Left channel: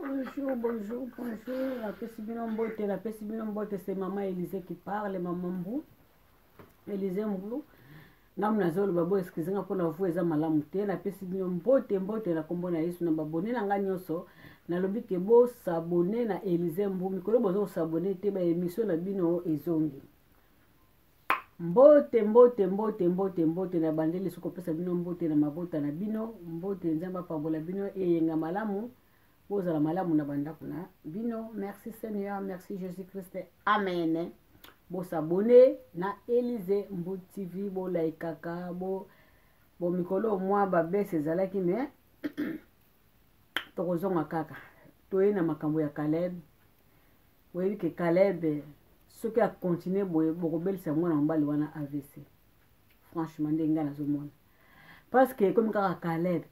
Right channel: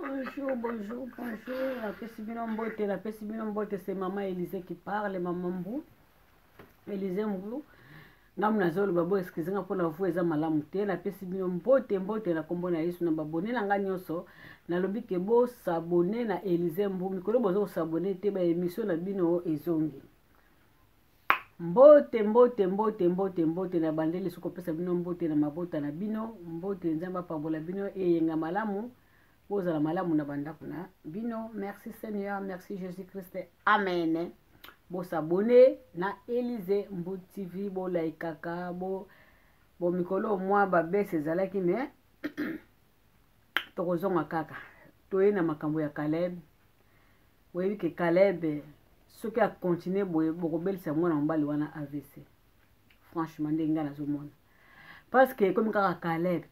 Bonjour, bonjour, bonjour. La peste mbote, c'est maman Élisée qui parle, maman Mbou. Élisée Mbou. Namu nazolo babo excusez-moi pour la voix eza malamu te na peste mbote na kombo na Yesu na babone na nga nyonso. Na lobi ke bo s'abonner na Élisée Mbou. Mikolo bozo s'abonner te ba émission na bino ezongi. Mbote na bandeli soko pesa bino mbote na mabota na bino. Mbote nzamba pambola bino eyenga malamu. Bozala malamu na bandako na bino. Merci Seigneur, merci Jésus-Christ. Amen. Bo s'abonner na Élisée Mbou TV, bo laikaka, bo mikolo mwa ba bese ezalaki me tokozonga kaka. Toye na makambo ya Caleb. Boyebi ke Caleb soki a continuer bokobelisa mwana mobali wana AVC. Franchement ndenge nga nazomona. Parce que comme kaka Caleb.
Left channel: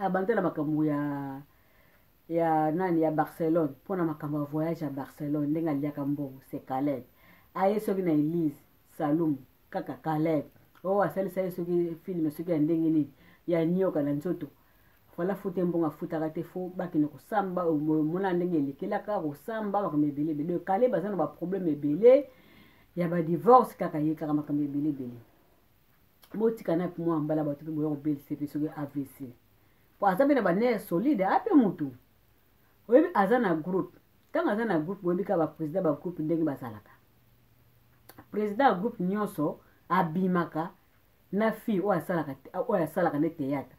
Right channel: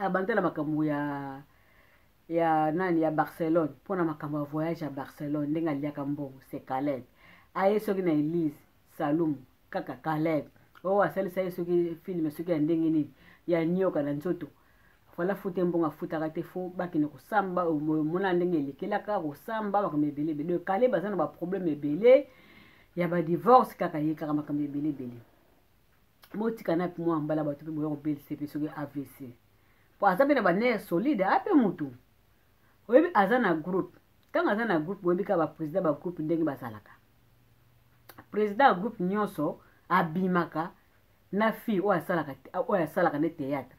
Abantela makambo ya nani ya Barcelone pona makambo ya voyage à Barcelone ndenga liaka mbongo c'est Caleb. Aye soki na Elise Salum kaka Caleb. Asalisa ye soki film soki ya ndenge nini ya nyoka na nzoto. Voilà fute mbonga futaka te fo bakine kosamba mona ndenge lekelaka kosamba makambo ebele bele. Caleb bazana ba problème ebele ya ba divorce kaka ye kaka makambo ebele bele. Motika na mwa mbala batu boyo kobelisa pe soki AVC. Po azabe na ba nerf solide ape mutu. Oyebi azana groupe. Tanga azana groupe oyebi ka ba président ba groupe ndenge bazalaka. Président groupe nyonso abimaka na fi o asalaka ne théâtre.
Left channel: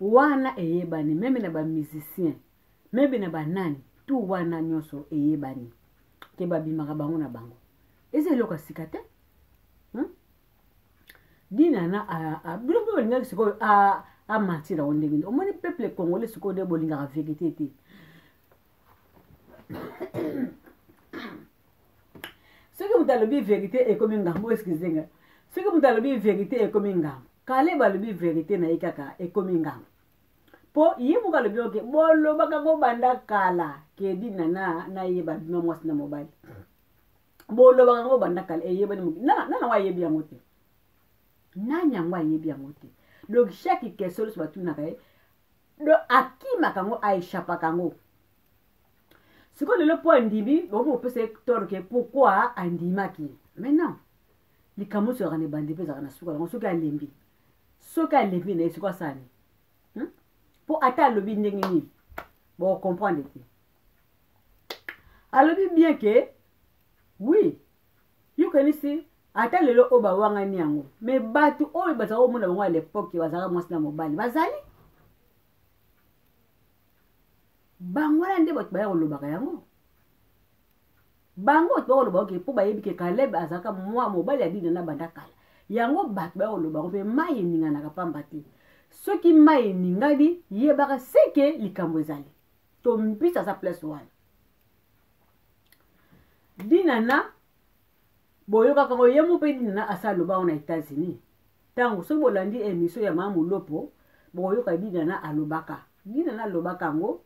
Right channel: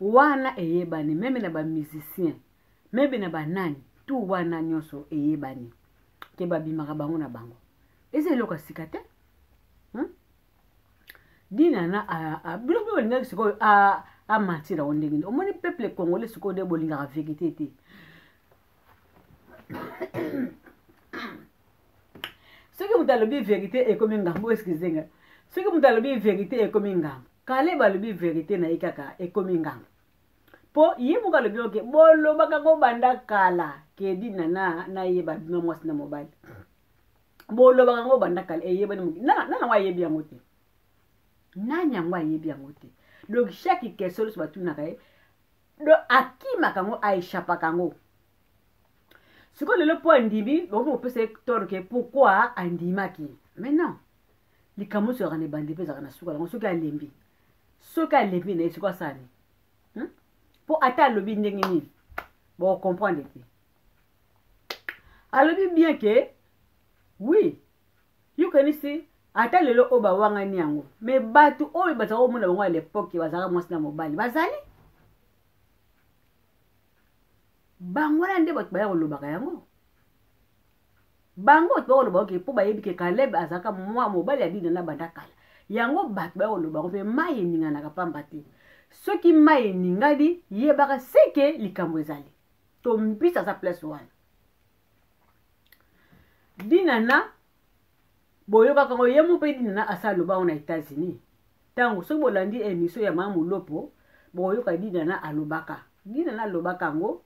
Wana eyebani meme na ba musicien, meme na ba nani, tout wana nyonso eyebani. Ke babimaka bango na bango. Eze loka sikate? Dina na bilo linga siko a matira ondenge. Omoni peuple congolais siko de bolinga vérité te. Ce que vous avez vérité est comme un gambo, excusez-moi. Ce que vous avez vérité est comme un gambo. Caleb a le vérité na ikaka est comme un gambo. Po yimuka le bioke bolo baka go banda kala ke dina na yeba bima mwasi na mobile. Bolo baka go banda kala yeba ni muki. Na wa yebi yangote. Nanya ngwa yebi yangote. Donc chaque question sur batuna kae do akima kango aishapa kango. Ce qu'on le point ndibi, on peut se torquer pourquoi andimaki. Mais non. Les camos sera ne bandi pe zana suka on suka lembi. Suka lembi ne suka sani. Pour atteindre le bien ni. Bon comprendre que. Alors bien que oui. You can see ata lelo oba wanga ni yango. Mais batu oyo bazao mona bango à l'époque bazara mwasi na mobali. Bazali bangola nde bato baya kolobaka yango. Bango to kolobaka ke po bayebi ke Caleb azaka mwa mobali ya dina na banda kala. Yango bato baya kolobaka pe mai ninga na kapamba te. Soki mai ningadi yebaka seke likambo ezali. To mpisa sa place wana. Dina na boyoka kango yemu pe dina na asa loba na États-Unis. Tango so bolandi émission ya mamu lopo boyoka dina na alobaka. Dina na alobaka ngo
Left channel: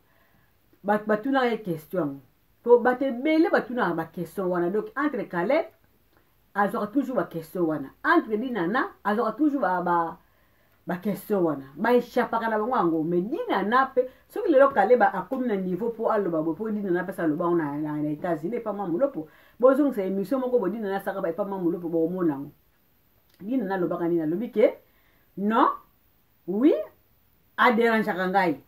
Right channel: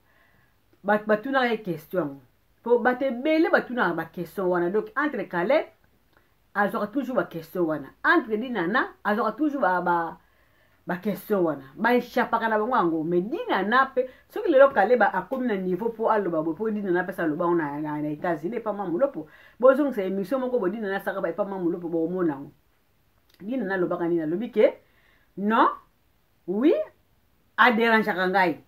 batuna ye question. To bate bele batuna ba question wana. Donc entre Caleb azora toujours ba question wana. Entre dina na azora toujours ba question wana. Ba échapaka na bango ngo mais dina na pe soki lelo Caleb akomi na niveau pour aloba bo po dina na pesa loba na États-Unis pas mamu lopo. Bozong c'est émission moko bo dina na saka ba pas mamu lopo bo mona. Dina na loba kanina lobi ke non oui a déranger kangai.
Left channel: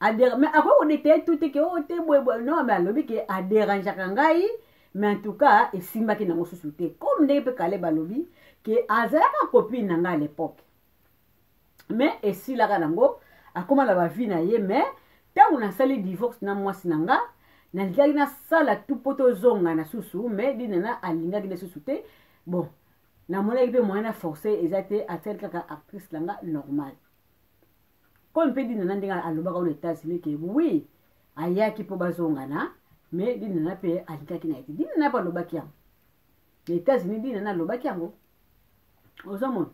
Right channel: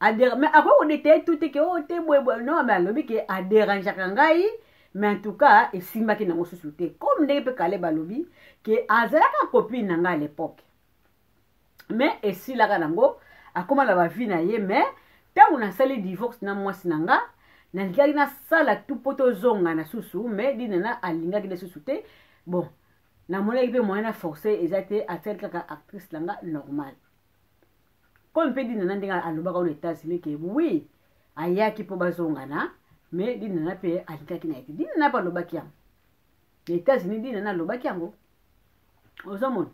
Mais après on était tout que oh te non mais alobi ke a déranger kangai mais en tout cas et simba ki na mosusuté comme ne peut Caleb alobi que azalaka copine nanga à l'époque. Mais et si la kanango akoma la ba vie na ye mais tant on a sali divorce na mwasi nanga na ligaki na sala tout poto zonga na susu mais dinana alinga ki na susuté bon na mona ibe moyen na forcer ezate a tel kaka actrice langa normal. Comme peut dire nandinga alobaka aux États-Unis que oui ayaki po bazonga na mais dinana pe alikaki na eti dinana pa lobaki yango. Les États-Unis dinana lobaki yango. Ozomon.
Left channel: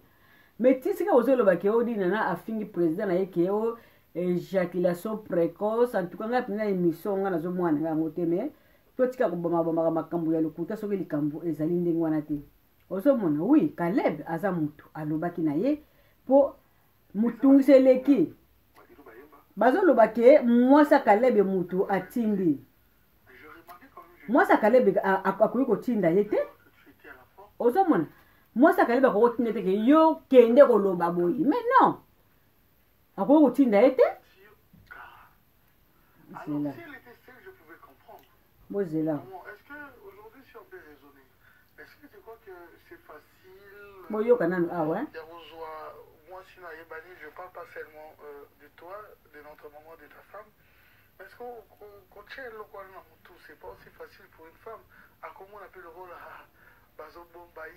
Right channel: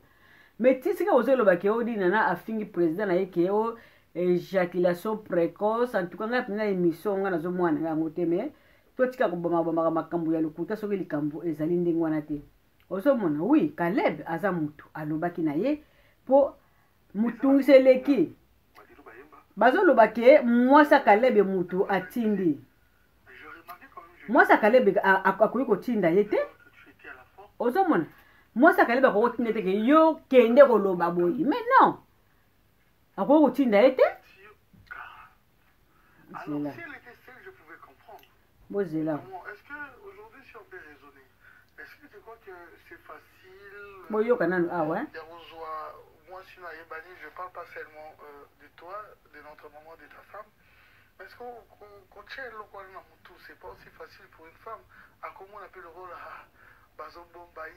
Mais tisika ozo lobaki o dinana afingi président na yeke o éjaculation précoce en tout cas na émission nga nazo mwana yango te mais to tika ko boma makambo ya lokuta soki likambo ezali ndenge wana te. Ozomona oui Caleb aza mutu alobaki na ye po mutungiseleki bazoloba ke mwasi Kalebe mutu atindi mwasi Kalebe akoki kotinda ye te ozomona mwasi Kalebe akoki kotinda te ke yo kende koloba boye mais non akoki kotinda ye te alors si elle était seule je pouvais comprendre bozela est-ce que aujourd'hui si on peut raisonner est-ce que tu crois que c'est facile boyoka nanu awa moi si je parle pas seulement de toi de notre maman de ta femme mais est-ce qu'on tient le rôle dans tout c'est pas aussi facile pour une femme à comment on appelle le rôle bazo bombaye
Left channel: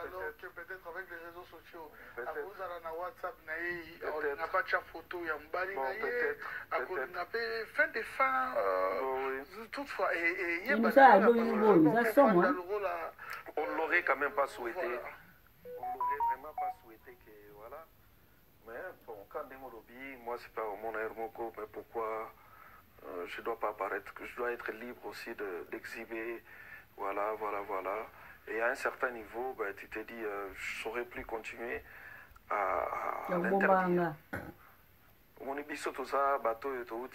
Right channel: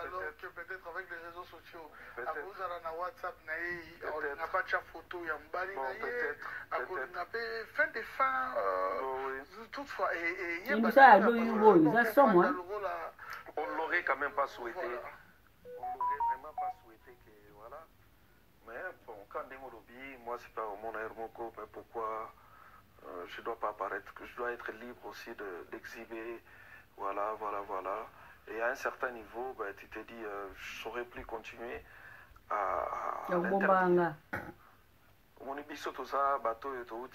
alors que peut-être avec les réseaux sociaux à vous allez na WhatsApp on n'a pas de photo ya mbali à cause n'a pas fin des fins toutefois et il nous a alloué on l'aurait quand même pas souhaité on l'aurait vraiment pas souhaité que voilà mais bon quand Demolobi moi c'est pas mon aéroport mais pourquoi je dois pas apparaître que je dois être libre aussi d'exhiber voilà et à un certain niveau ben, tu te dis je saurais plus continuer à l'interdire mon ibiso tout ça bateau et tout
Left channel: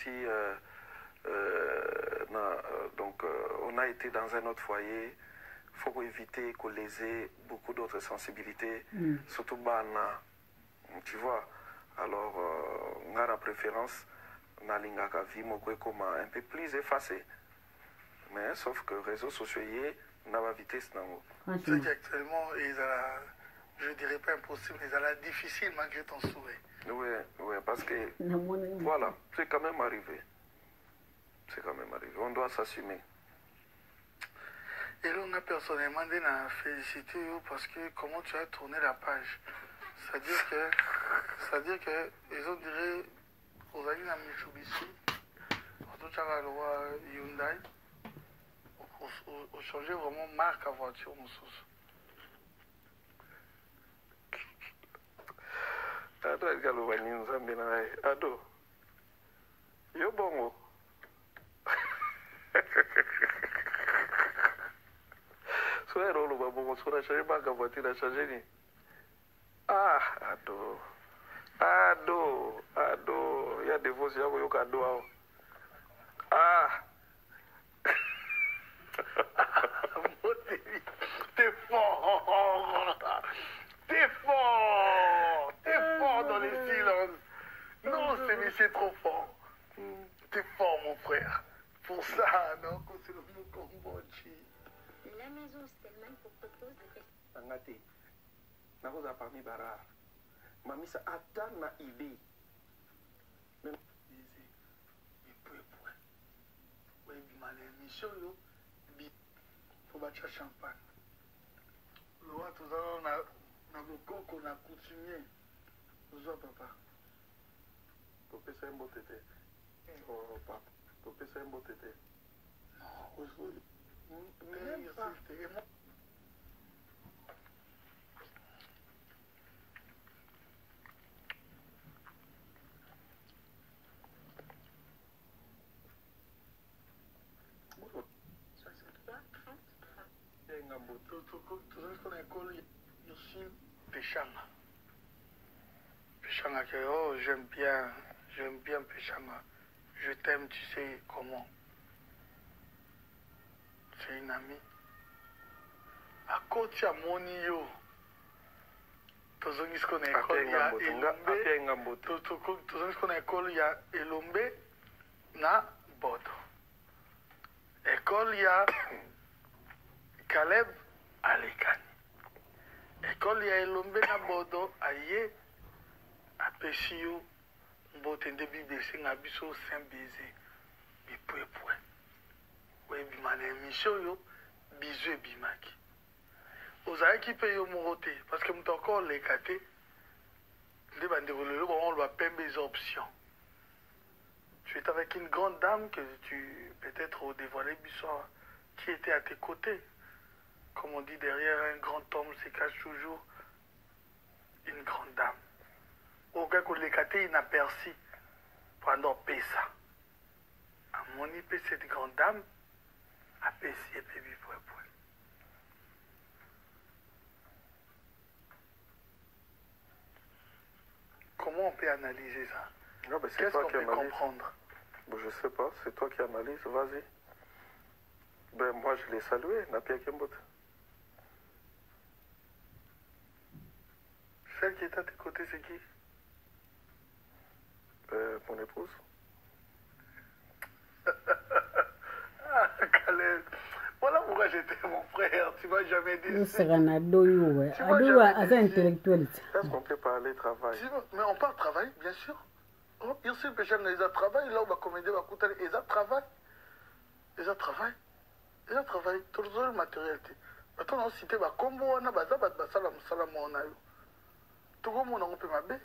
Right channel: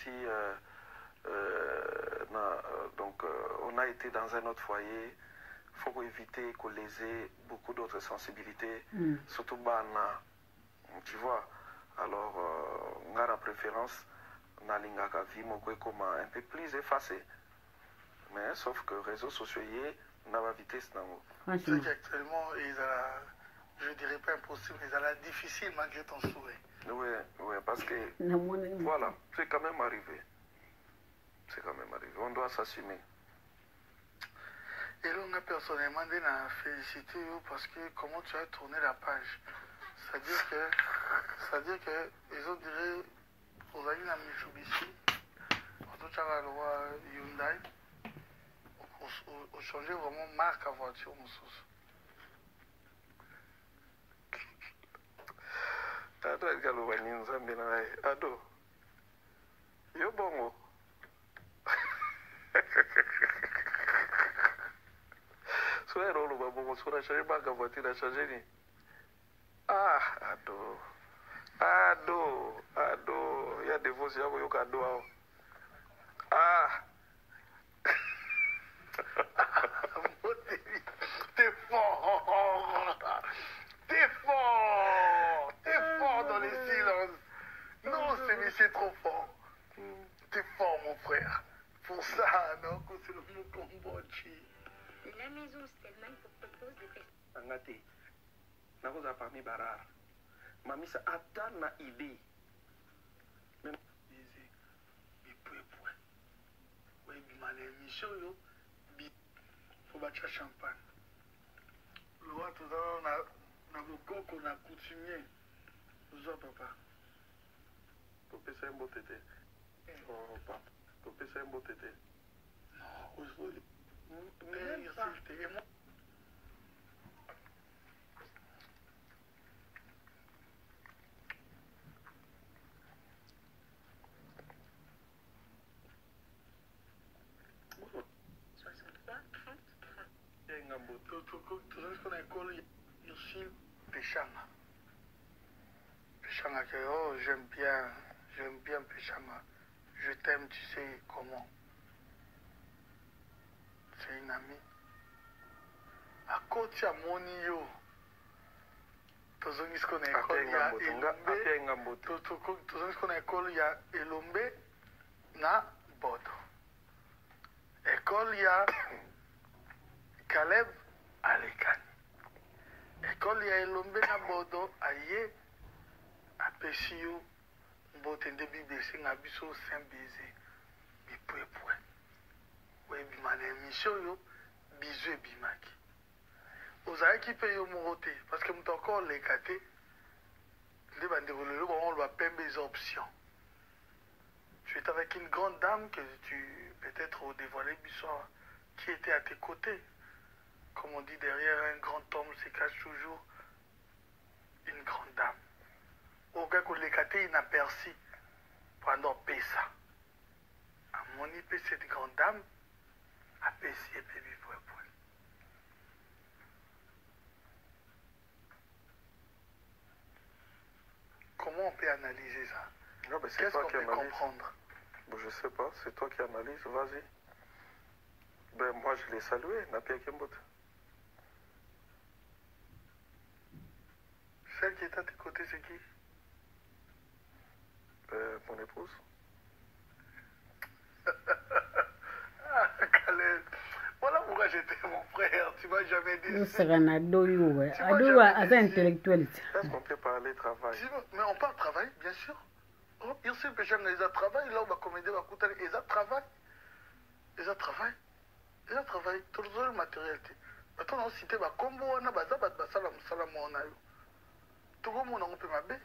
donc on a été dans un autre foyer il faut éviter qu'on léser beaucoup d'autres sensibilités surtout bana tu vois alors on a la préférence nalingaka vie moko comme un peu plus effacé mais sauf que réseaux sociaux n'a pas vitesse nango c'est qu'actuellement je dirais pas impossible mais elle est difficile malgré ton souhait oui parce que voilà c'est quand même arrivé on doit s'assumer et là on a personnellement félicité parce que comment tu as tourné la page c'est-à-dire que ils ont dirait aux amis de Mitsubishi quand tu as le roi Hyundai on changeait vraiment marque à voiture mon sauce ado ekaloba ni nzambe na ye ado yo bongo so ero oloba bongo so na change marque à voiture na change ni ado ya divorce yako yoka ado ao T'es fort dans les silences. Non, c'est trop fort. T'es fort, mon frère. Pour ça, non, quand c'est le vieux Cambodge. La maison Stellman pour propose de faire. Angate. Nakoza parmi barar. Mamisa ata na idée. Oui, ma émission, faut battre champagne. Le roi, tout à l'heure, on a beaucoup qu'on a coutumier. Nous autres, papa. Pour que c'est un beau tété. Oh, papa. Pour que c'est un beau tété. Non, aujourd'hui. Mais il y a ce moi. Péchanga que oh j'aime bien Péchanga. Je t'aime, tu sais comment. C'est une amie. À côté à mon yo. Tozongi ce qu'on a école ya Elombe. Tozongi ce qu'on a école ya Elombe na Bodo. École ya Caleb Alekani. École ya Elombe na Bodo aye apesi yo mbote nde Bible senga biso Saint Baiser. Bipwepwe. We bimane émission yo bizu ebimaki. Ozalaki pe yo moko te parce que mutu encore leka te nde bandeko lelo bango loba pembe eza option. Tu es avec une grande dame que tu peut-être dévoilé biso qui était à tes côtés. Comme on dit, derrière un grand homme se cache toujours une grande dame. Aucun que les catés inaperçus pendant Pessa. À mon épée, cette grande dame a Pessi et Pébi pour épaule. comment on peut analyser ça? Non, mais c'est Qu'est-ce toi qu'on qui peut analyse. comprendre? Bon, je sais pas, c'est toi qui analyse, vas-y. Ben, moi, je l'ai salué, Napia Kembot. Celle qui est à tes côtés, c'est qui? Mon épouse. Ah, Caleb. Voilà pourquoi j'étais mon frère. Tu m'as jamais dit. usaka ado yuwe ado aza intellectuel Est-ce qu'on peut parler travail? Mais on parle travail, bien sûr. Oh, il y a des gens qui travaillent, là où va comédie, va coûter, ils travaillent. Ils travaillent. Ils travaillent. Tout le matériel. Maintenant, on cite, bah, comme on a, bah, salam, on a eu. Tout le monde a un peu ma baie.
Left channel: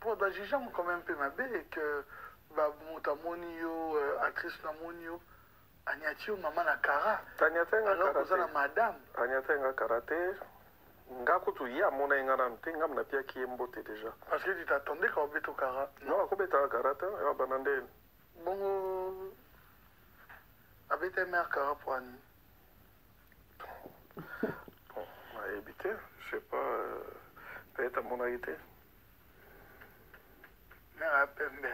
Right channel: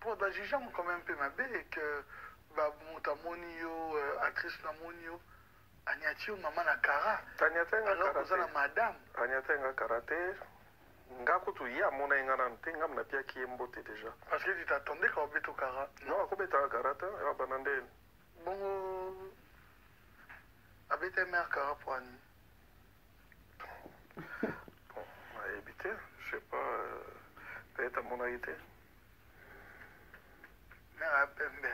Pour des gens, quand même, un peu ma baie, et que, bah, Moutamonio, actrice Namonio, Agnatio, maman Nakara. Alors, vous avez madame. Agnatenga karaté. Ngakutu ya mona ingana ntenga mnapia kiembote déjà. Parce que tu t'attendais quand on au Kara. Non, akobeta karate, ya banande. Bon, avec tes mères Kara pour Annie. Bon, on a évité, je sais pas, peut-être à mon avis. Mère à Pembe.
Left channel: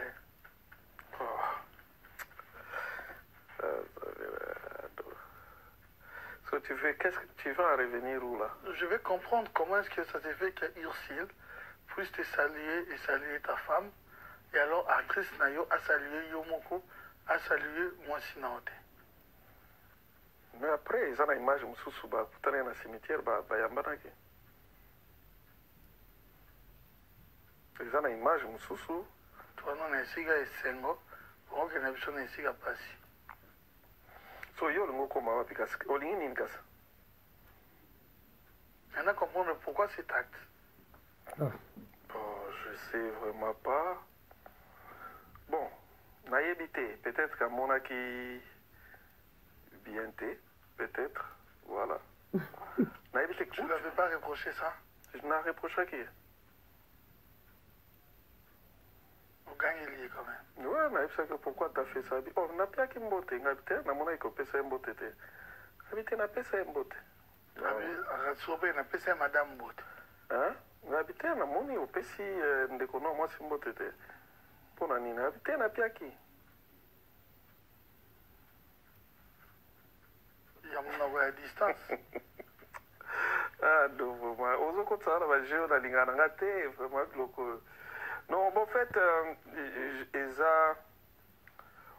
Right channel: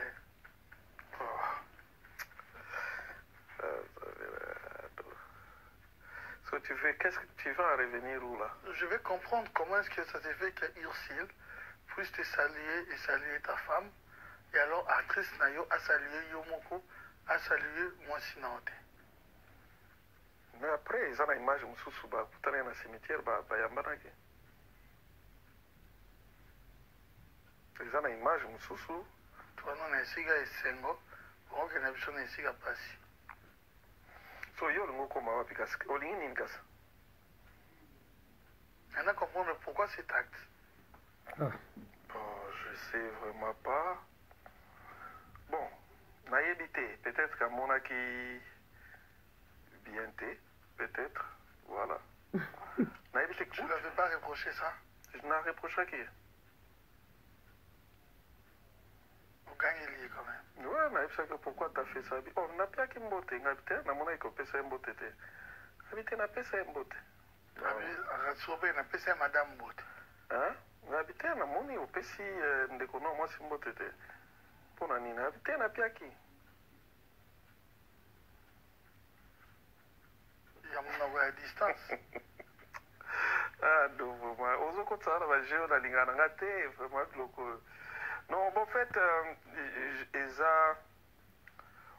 So, qu'est-ce que tu vas revenir où là? Je vais comprendre comment est-ce que ça s'est fait que Ursule puisse te saluer et saluer ta femme. Et alors, actrice Nayo a salué Yomoko, a salué Mwasinaote. Mais après, ils ont une image, Moussou, bah, dans un cimetière, bah, Yambanaki. Ils ont une image, Moussou. Toi, non, Nesiga et Sengo, pour que Nabison Nesiga passe. So, yo, le mot comme moi, parce que, Olingi Ninkas. On a comprendre pourquoi cet acte. Bon, je sais vraiment pas. Bon, naïveté, peut-être qu'à mon acquis, bienté, peut-être, voilà. Naïveté, Tu ne l'avais pas reproché ça? Je n'ai reproché à qui? Vous gagnez lié quand même. Ouais, naïveté, pourquoi tu as fait ça? Oh, on n'a pas qu'une beauté, naïveté, on a mon aïko, pesa une beauté. Habité, n'a pas ça une beauté. Ratsobe, on a passé à Madame Bout. Hein? Habité, on a mon aïko, pesi, ndekono, moi, c'est une beauté. Pour la nina, habité, n'a pas qui? Il y a mon à distance. Ah, donc, vraiment, aux autres, ça va jouer dans l'inganaté, vraiment, loco. Non, bon, en fait,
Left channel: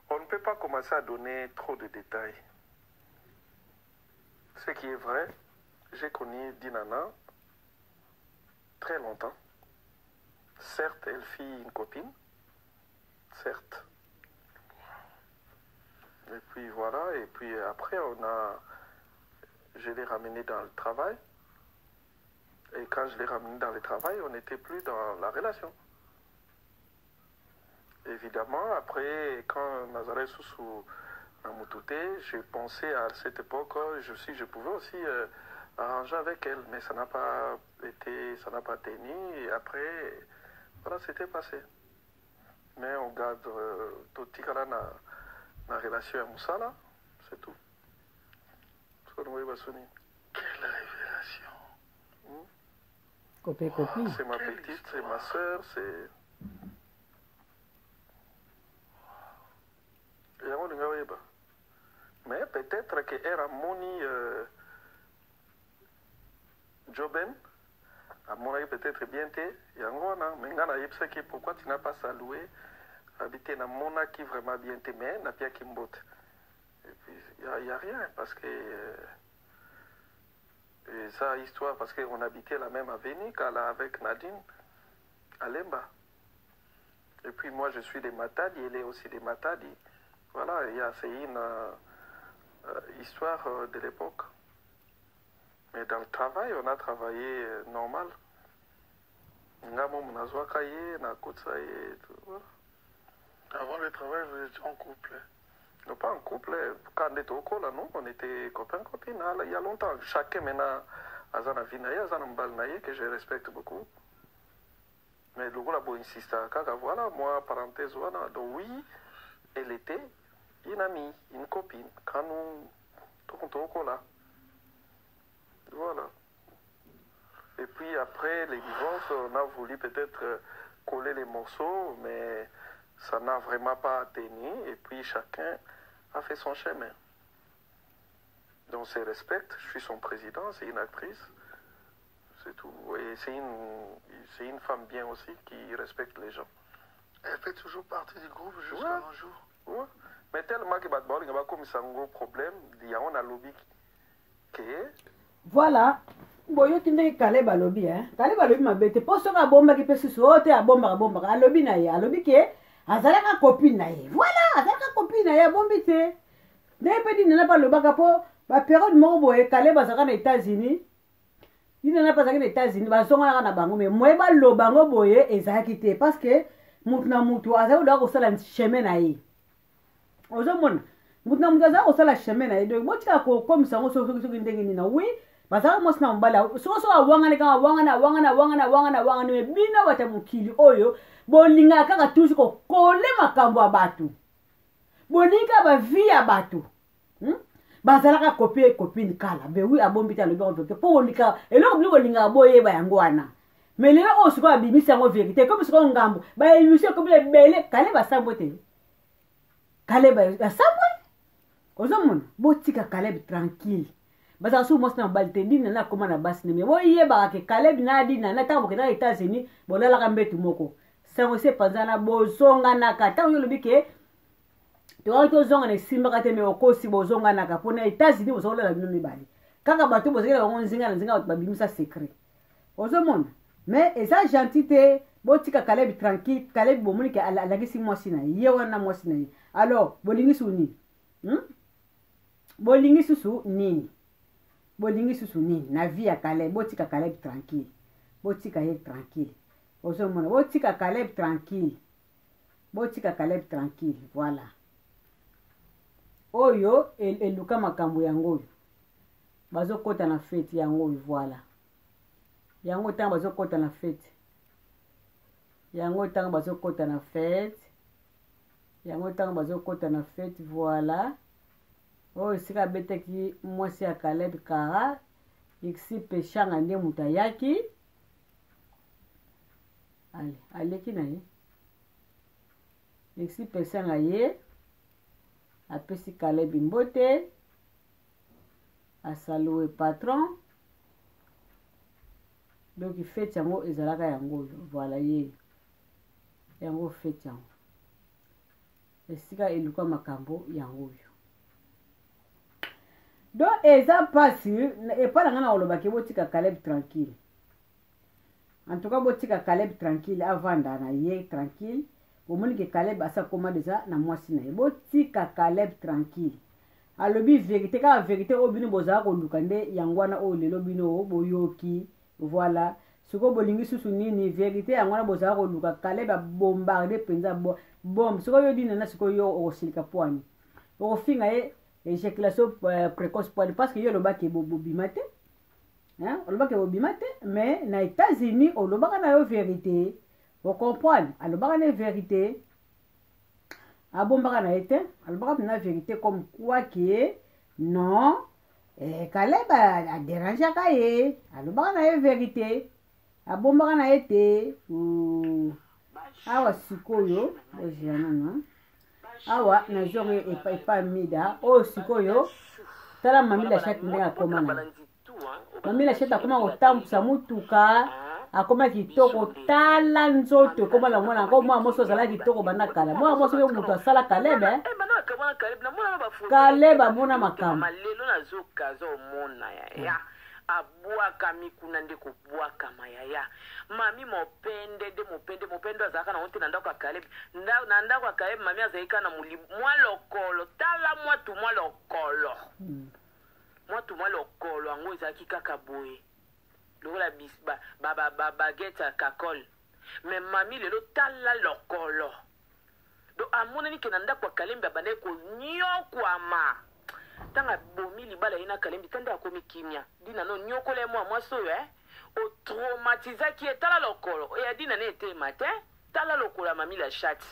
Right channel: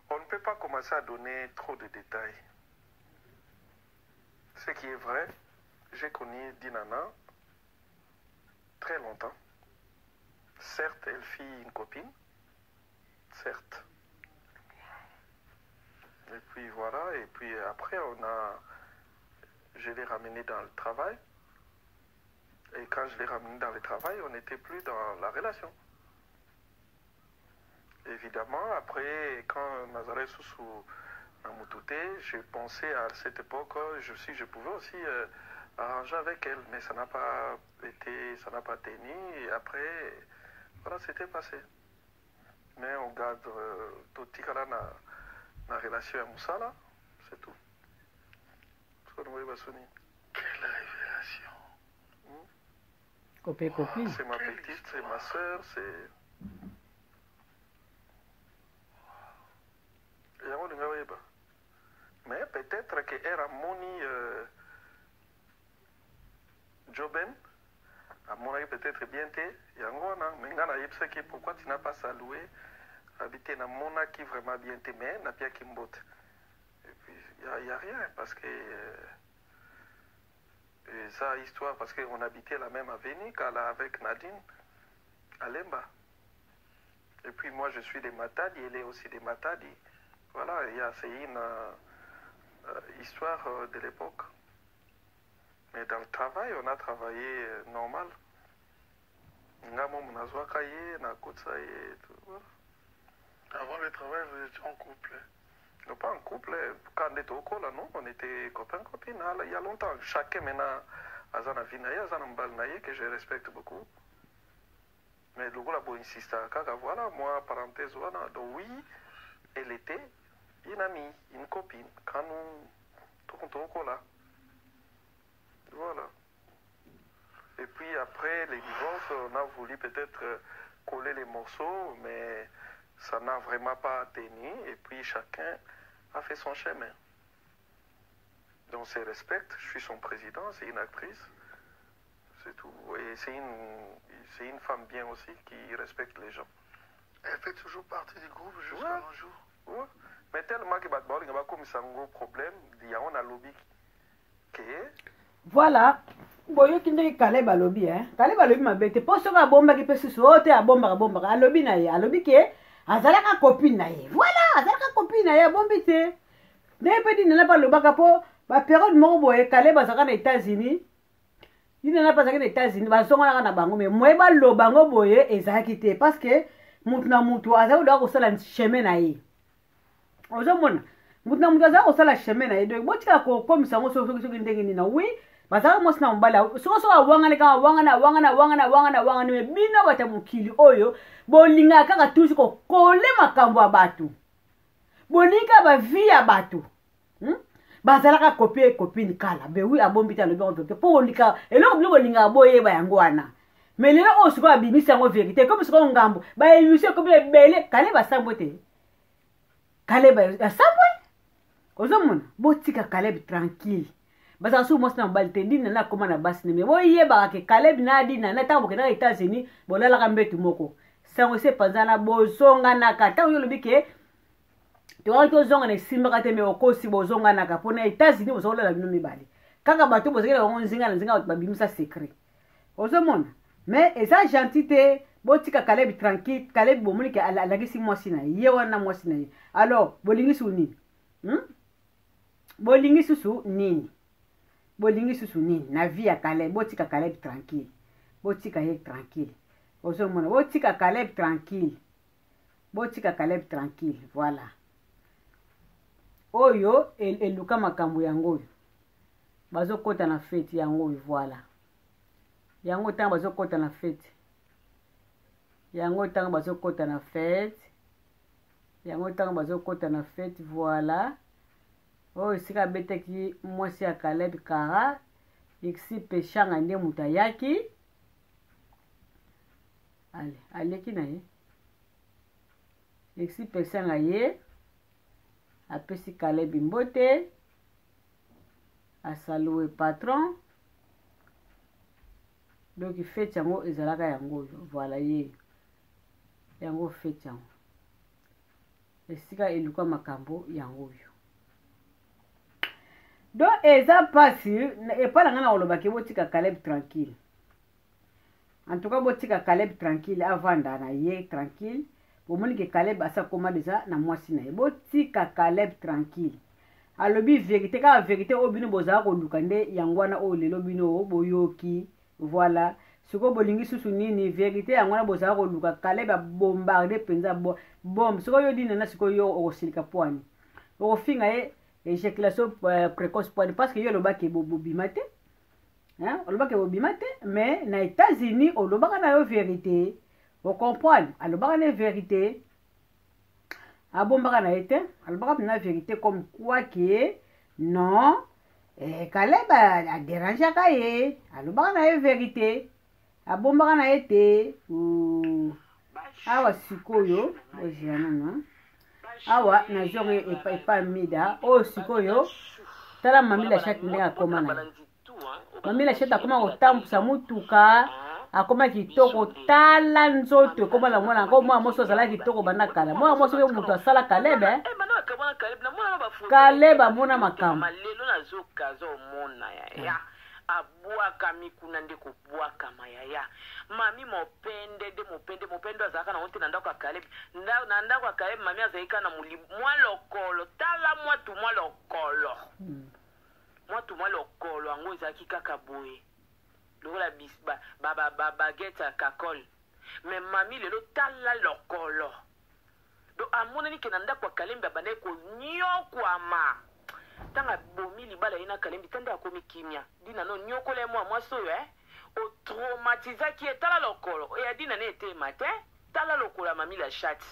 on ne peut pas commencer à donner trop de détails. Ce qui est vrai, j'ai connu Dinana très longtemps. Certes, elle fit une copine, certes. Et puis voilà, et puis après, je l'ai ramené dans le travail. Et quand je l'ai ramené dans le travail, on n'était plus dans la relation. Évidemment, après, quand Nazaré Soussou a moutouté, je pensais à cette époque, je pouvais aussi arranger avec elle, mais ça n'a pas été, ça n'a pas tenu, et après, voilà, c'était passé. Mais on garde tout la relation à Moussala, c'est tout. Quelle révélation. Copine. C'est ma petite, c'est ma soeur, c'est... Mais peut-être qu'elle a moni Joben, à mon avis peut-être bien té, Yangona, mais pourquoi tu n'as pas salué, habité dans mona qui vraiment bien té, mais n'a pas Kimbot. Et puis il n'y a rien, parce que ça histoire, parce qu'on habitait la même avenue avec Nadine, à Lemba. Et puis moi je suis des Matadi, elle est aussi des Matadi. Voilà, c'est une histoire de l'époque. Mais dans le travail, on a travaillé normal. Avant le travail, vous étiez en couple? Non, pas en couple. Quand on était au col, non, on était copains-copines. Il y a longtemps. Chacun maintenant a un vie que je respecte beaucoup. Mais le gars a insisté. Voilà, moi, parenthèse, voilà. Donc oui, elle était une amie, une copine, quand nous tournons là. Voilà. Et puis après les divorces, chef, on a voulu peut-être coller les morceaux, mais ça n'a vraiment pas tenu. Et puis chacun a fait son chemin. Donc, on se respecte. Je suis son président, c'est une actrice. C'est tout. Et c'est une femme bien aussi qui respecte les gens. Elle fait toujours partie du groupe jusqu'à nos jours. Ouais. Mais tellement que il y a comme ça un gros problème, il y a un lobby qui voilà. Boyo kinde Caleb alobi Caleb alobi mabete poso ka bomba ki pesi sote a bomba alobi na ye alobi ke azalaka copine na ye. Voilà, azalaka copine na ye bombi te. Ndé pe di nana pa lobaka po ba période moko boye Caleb azaka na États-Unis. Il nana pas azaka na États-Unis ba zonga na bango mais moye ba lobango boye ezalaki te parce que mutu na mutu azaka do ko sala chemin na ye. Ozomona mutu na mutu azaka ko sala chemin na ye donc botika ko comme ça ngo so ndenge ni na oui. Basaka mos na mbala so awangana ka wangana me bino bata mukili oyo bolinga kaka tusi ko kole makambo ya batu bolinga ba vie ya batu bazalaka copine kala be wi abombita le docteur po olika eloko bliko linga boye ba yango wana mais lelo o siko abimisa ngo vérité comme siko ngambo ba émission comme bele kale ba sambote kale ba sambo ozomona botika kale tranquille basa su mosna balte dina na koma na basine me boye ba ke Caleb na dina na tambo ke na États-Unis bolala ka mbetu moko sango se panzana bozonga na kata yo lobike to zonga na simba kate me okosi bozonga na ka pona États-Unis bozola bino mibali kaka bato bozekela ngo nzinga babimisa secret ozomona mais eza gentité botika Caleb tranquille Caleb bomoni ke alagisi mwasi na ye wana mwasi na ye alors bolingi suni bolingi susu nini bolingi susu nini na vie ya Caleb botika Caleb tranquille botika ye tranquille ozomona botika Caleb tranquille voilà oyo eluka makambo yango bazokota na fête yango voilà yango tanga bazokota na fête voilà oh sika beteki mwasi ya Caleb kara iksi peshanga nde mutayaki aleki na ye iksi peshanga ye apesi Caleb mbote asaluwe patron donc fete yango ezalaka yango voilà ye yango fete yango esika eluka makambo yango donc eza pasi epala ngana olobaki botika Caleb tranquille en tout cas botika Caleb tranquille avant na ye tranquille bomoni ke Caleb asa koma déjà na mwasi na ye botika Caleb tranquille alobi vérité ka vérité obino bozaka koluka nde yangwana o lelo bino boyoki voilà siko bolingi susu nini vérité yangwana bozaka koluka Caleb a bombardé penza bombe siko yo dina na siko yo osilika poani ofinga ye éjaculation précoce parce que yo lobaki bobimate olobaki bobimate mais na États-Unis olobaka na yo vérité o comprendre alobaka na vérité abombaka na été alobaka na vérité comme quoi que non Caleb a dérangé ka ye alobaka na vérité abombaka na été awa sikoyo ojiana awa na zonge epa mida o sikoyo tala mamila shati ndenge akoma na mamila shati akoma kotambusa mutuka akoma kitoko tala nzoto ekoma na mwana yango mwana moso azala kitoko banda kala mwana moso yo mutu asala Caleb amona makambo abwaka mikuna nde kobwaka mayaya mami mopende azalaka na honte na ndako ya Caleb na ndako ya Caleb mami azalika na mwa lokolo tala mwatu mwa lokolo yango ezalaki kaka boye lokola bagete ya kakol me mami lelo tala lokolo do amonani ke na ndako ya Caleb abandaki konyokwama tanga bomi libala ina Kalembi tanda akomi kimia dina no nyokola mwa mwaso o traumatisaki etala lokolo e adina ne ete mate tala lokolo mami la chat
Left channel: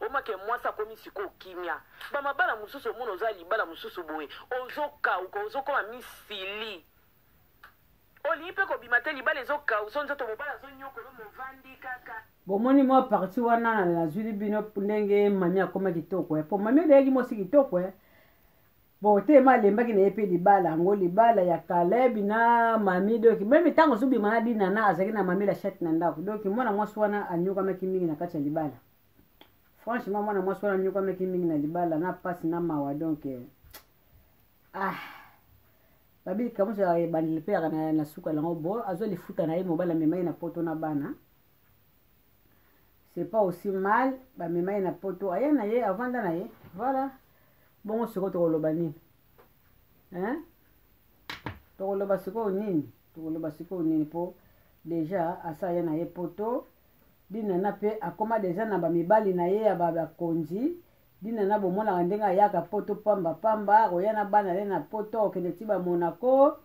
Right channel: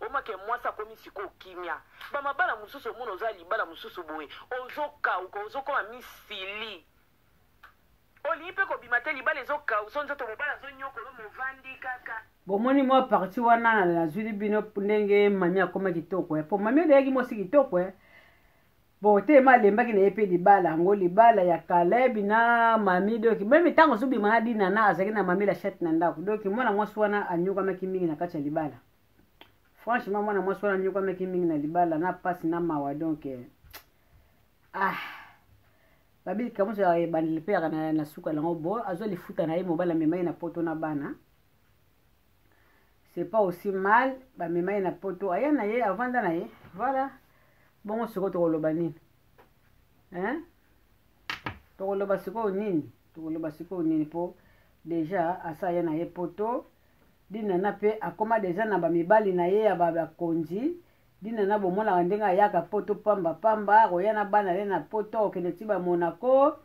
o make mwasa komi siko kimia ba mabala mususu mono za libala mususu boye ozoka uko ozokoma misili olingi mpe kobima te libala ezokauso nzoto mobala azonyokolo movandi kaka bomoni mwa parti wana nazwili bino ndenge mami akoma kitoko po mami odeyaki mosi kitoko bon te ma lembaki na ye mpe libala yango libala ya Kalebi na mami doki meme ntango ozobima na dina na azalaki na mami la chate na ndako doki mwana mwasi wana anyokamaki mingi na kati ya libala franchement mwana mwasi wana anyokamaki mingi na libala na pasi na mawa donc babili kamuso ya bandeli mpe yaka na suka lango bo azolifuta na ye mobala memai na poto na bana c'est pas aussi mal bamemai na poto aya na ye avanda na ye voilà bongo siko tokoloba nini tokoloba sikoyo nini po deja asa ya na ye poto dinana mpe akoma deja na bamibali na ye ya bakonzi dinana bomonaka ndenge ayaka poto pamba akoya na bana le na poto akokende ti bamonaco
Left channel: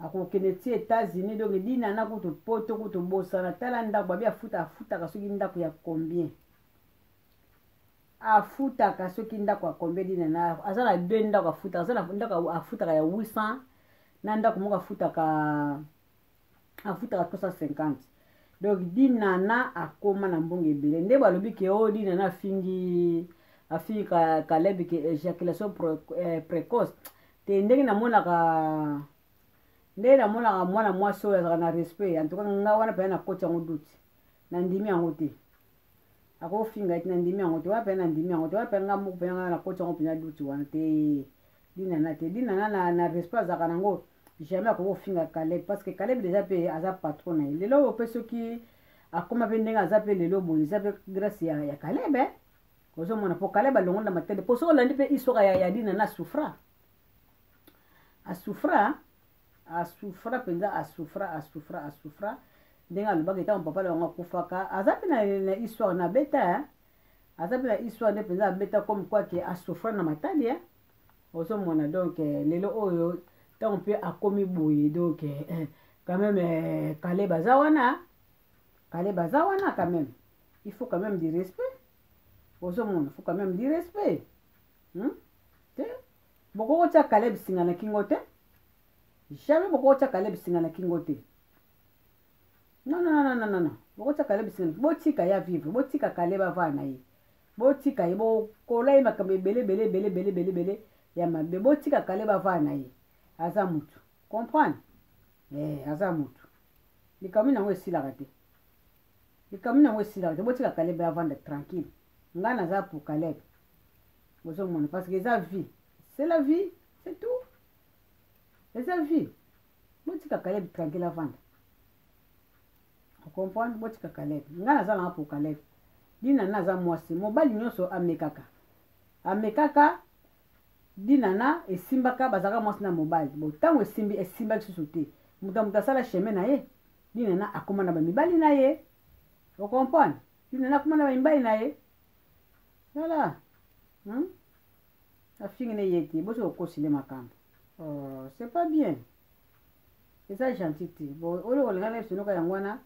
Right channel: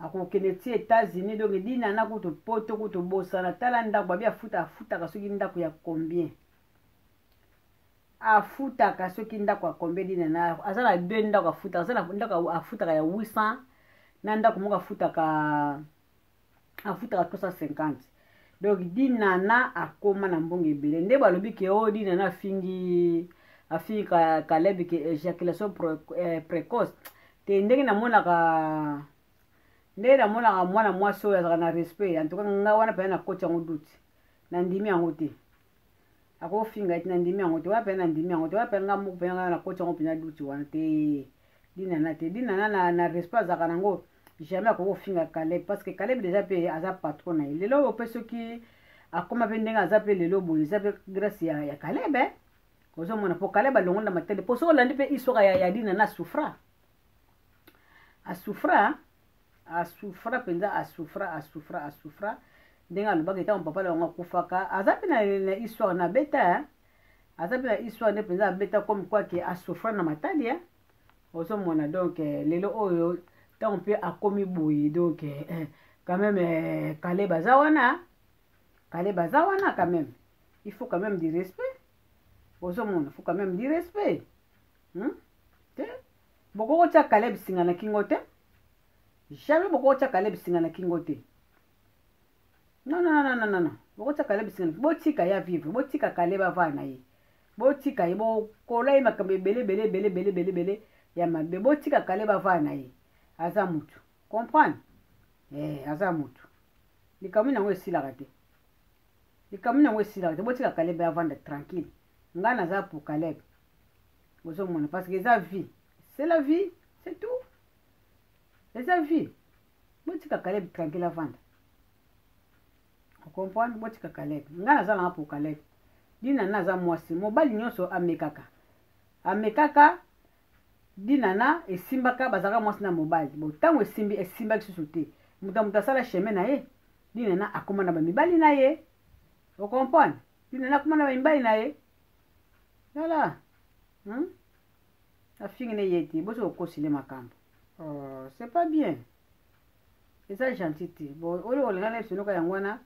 akokende ti États-Unis donc dinana kutu poto kutu bosana tala ndako babi afutaka soki ndako ya combien afutaka soki ndako ya combien dinana aza na 2 ndako afutaka aza na ndako afutaka ya 800 na ndako moko afutaka 350 donc dinana akoma na mbongo ebele nde balobi ke o dinana afingi Kalebi ke éjaculation précoce te ndenge namonaka mwana mwasi oyo azalaka na respect en tout cas nga wana pene na koti yango duti na ndimi yango te akofinga eti na ndimi yango te wana pene na ndimi yango te wana pene nga moko pene nga na koti yango pene duti wana te dinana na respect azalaka nango jamais akofinga Kalebi parce que Kalebi déjà pe aza patron na ye lelo oyo mpe soki akoma mpe ndenge aza mpe lelo boye eza mpe grâce ya Kalebi ozomona po Kalebi alongola matele po so olandi mpe histoire ya dinana asufra penza asufra ndenge alobaka etango papa na bango akufaka aza mpe na histoire na beta aza mpe na histoire nde penza abeta comme quoi ke asufra na matali ozomona donc lelo oyo ntango mpe akomi boye donc quand même Kalebi aza wana quand même il faut quand même du respect ozomona faut quand même du respect te bokoko tia Kalebi singa na kingo te jamais bokoko tia Kalebi singa na kingo te non bokoko tia Kalebi singa botika ya vivre botika Kalebi ava na ye botika ye bokola ye makambo ebele ya mabe botika Kalebi ava na ye aza mutu comprendre aza mutu likambo nango esilaka te botika Kalebi avanda tranquille nga naza pour Kalebi ozomona parce que eza vie c'est la vie c'est tout eza vie botika Kalebi tranquille avanda okomprendre botika Kalebi nga naza nanga pour Kalebi dinana aza mwasi mobali nyonso amekaka dinana esimbaka bazalaka mwasi na mobali bo ntango esimbaki susu te moto asala chemin na ye dinana akoma na bamibali na ye okomprendre dinana akoma na bamibali na ye voilà afingi ne ye te boso okosile makambo c'est pas bien eza gentil te bon oyo olinga na esonoka yango wana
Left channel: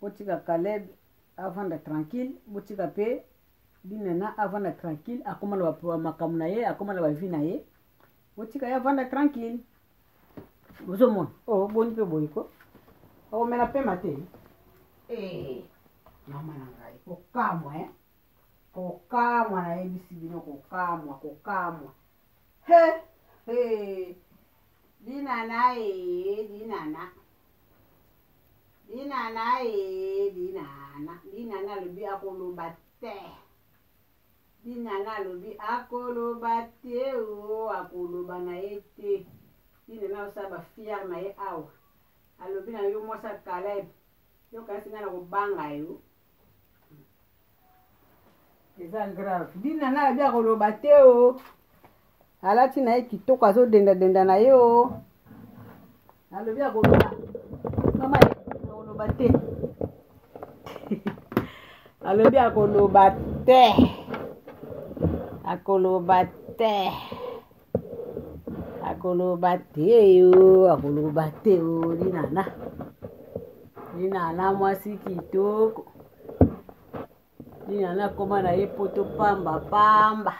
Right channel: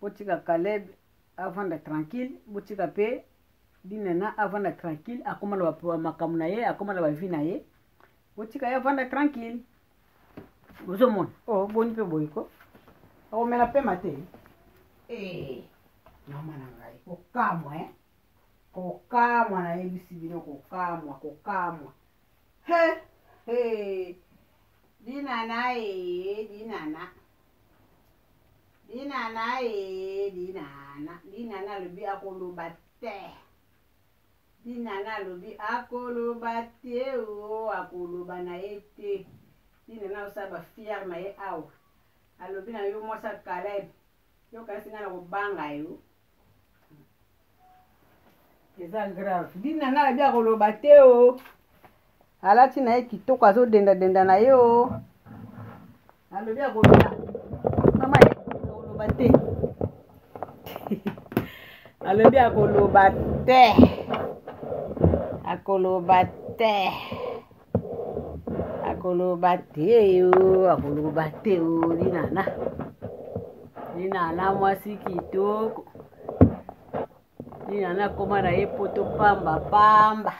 botika Kalebi avanda tranquille botika mpe dinana avanda tranquille akoma na makambo na ye akoma na bavi na ye botika ye avanda tranquille ozomona boni mpe boyiko akomela pema te mama na ngai kokamwa nayebisi bino kokamwa dinana alobi akoloba te dinana alobi akoloba te akoloba na ye te dinana osala bafiare na ye awa alobi na yo mwasa Kalebi yo kasi nga na kobanga yo eza grave dinana alobi akoloba te alati na ye kitoko azodenda na ye alobi akoloba mama ye akoloba te alobi akoloba te dinana mwasi kitoko dinana koma na ye poto pamba